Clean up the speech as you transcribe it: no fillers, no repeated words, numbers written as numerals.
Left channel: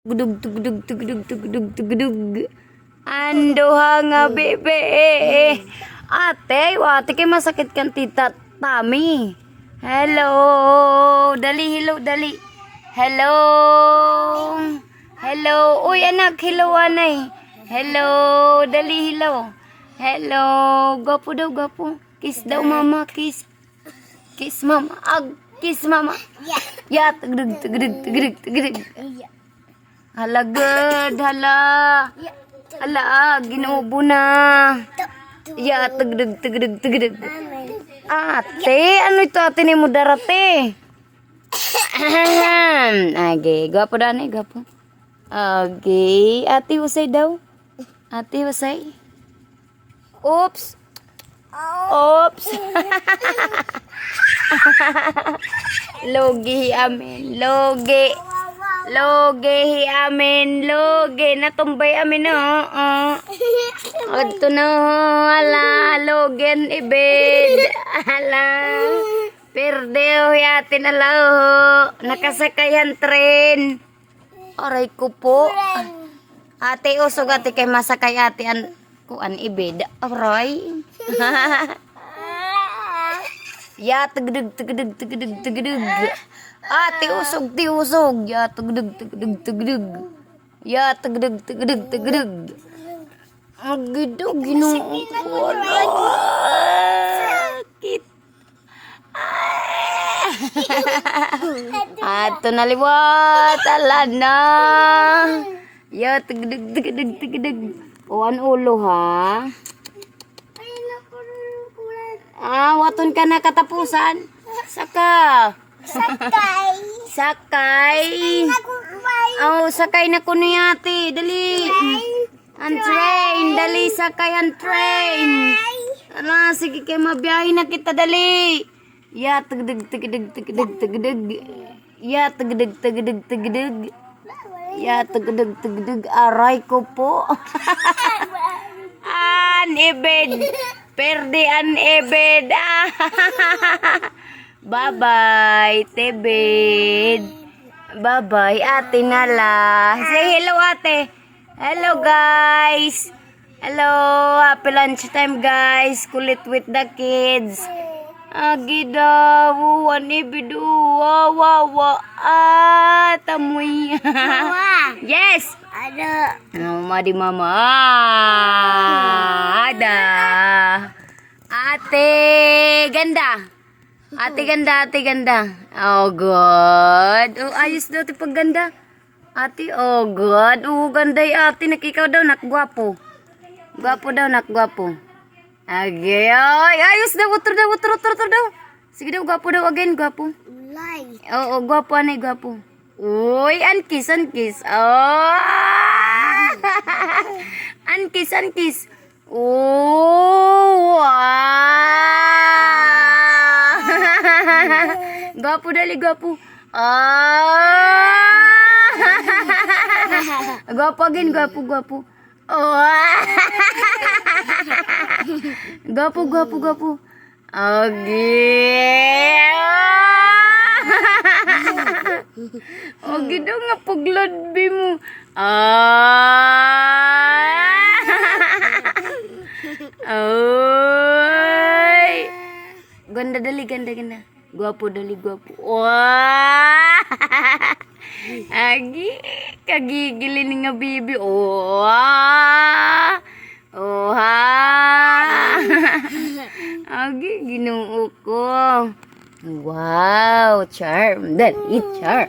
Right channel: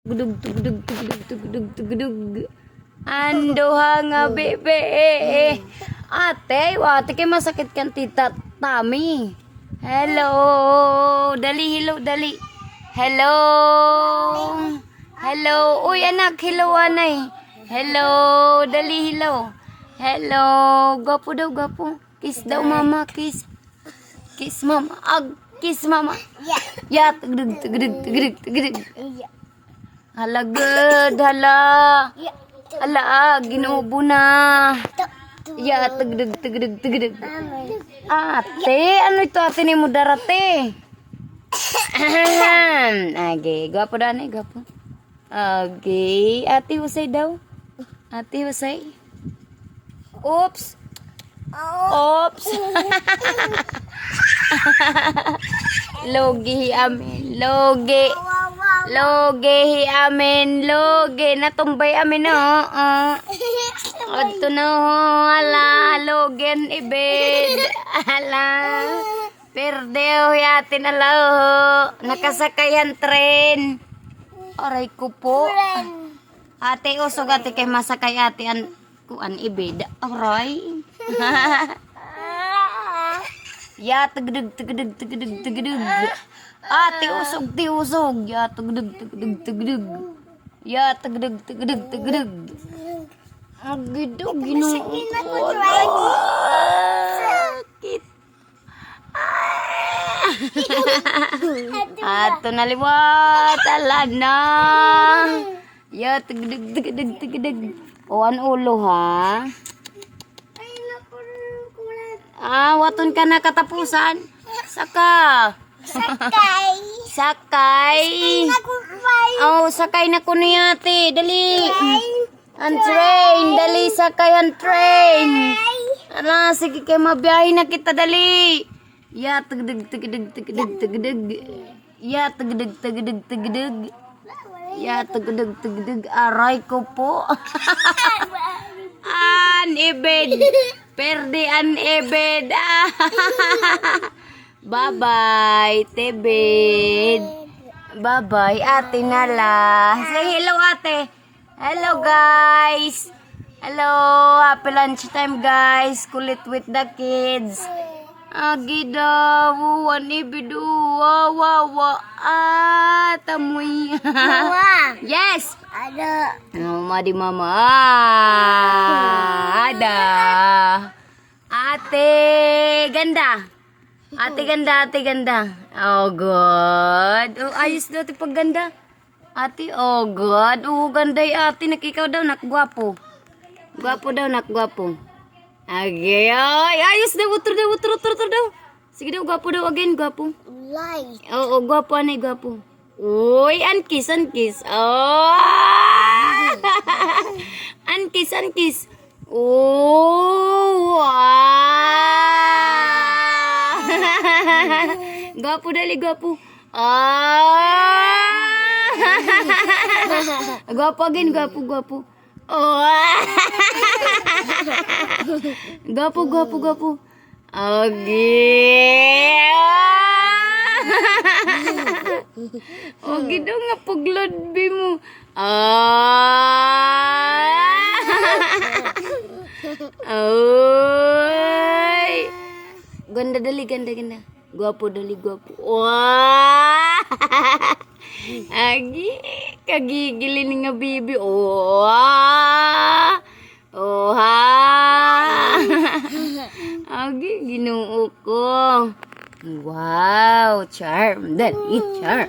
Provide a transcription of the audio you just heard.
Tugdug, tugdug, tugdug, tugdug, tugdug. Ando nga bebe. Ate, wate kay masakit kan tita Tami. Hello. Dali, hello, dali. Hello. Hello. Uy, anak, hello, anay. Hello. Dali, hello. Hello. Gapo daw, gapo. Kiss daw, mama, kiss. Kiss, mama. Kiss, mama. Ya, tugdug, tugdug, tugdug, tugdug. Hala, good. Hala. Hala, ginubo na. Ya, tugdug, tugdug, tugdug. Ate, ano ito ate ni mo darate? Age, gapo dani, gapo. Age, ate usay daw. Ate usay. Oops. Oops. Logi amin, logi. Logi amin, logi. Natumbay amin no. Ito na ala, logen ibed. Ala. Perdeo yatin ala. Nakasakayan tren. Aray ko po. Ate usog ate kay masakay ate an kuan ibed. Aray. Ya tugdug tugdug tugdug tugdug. Ate usog ti usog. Ya tugdug tugdug tugdug. Ya tugdug tugdug tugdug. Agido Ginoo ko. Sakit. Ato naliwat ala na. Ya tugdug tugdug tugdug. Oan ulo ha. Waton ka na katapusan. Saka. Sakay. Sakay na ko ni ate. Dali. Ang train. Dali, sakay ang train. Ala, sige kayo mabiyahin na kita. Dali. Ya, tagdag, tagdag, tagdag, tagdag. Ya, tagdag, tagdag, tagdag. Ya, tagdag, tagdag. Aray ko po. Ibed. Perde an ebed. Bye-bye, tebed. Bye-bye, ate nala. Say hello, ate. Hello, guys. Hello, happy lunch time, guys. Kulit with the kids. Agida, wuwan ibidu. Wawa. Tamoy. Yes. Ada. Madi mama. Ada. Ate ganda. Ate ganda, ate ganda. Oh God. Ayos daw ti pagganda. Ate, oh God. Ganda ate, nakikaw daw, nakgwapo. Gwapo daw, nakgwapo. Agay, ayos daw, utur daw. Sige daw, gwapo daw again, gwapo. Light. Oo, gwapo, anay, gwapo. Uy, ankis. Ankis. Oh, gwapo dali, gwapo. Gwapo again, gwapo. Gwapo. Gido nga puglod bi mo. Ganda dali, ganda. Gwapo dali, gwapo. Wah! Agi, kagigilin nga bibi. Agi, Ginoo ko. Wow, charm. Dali, charm.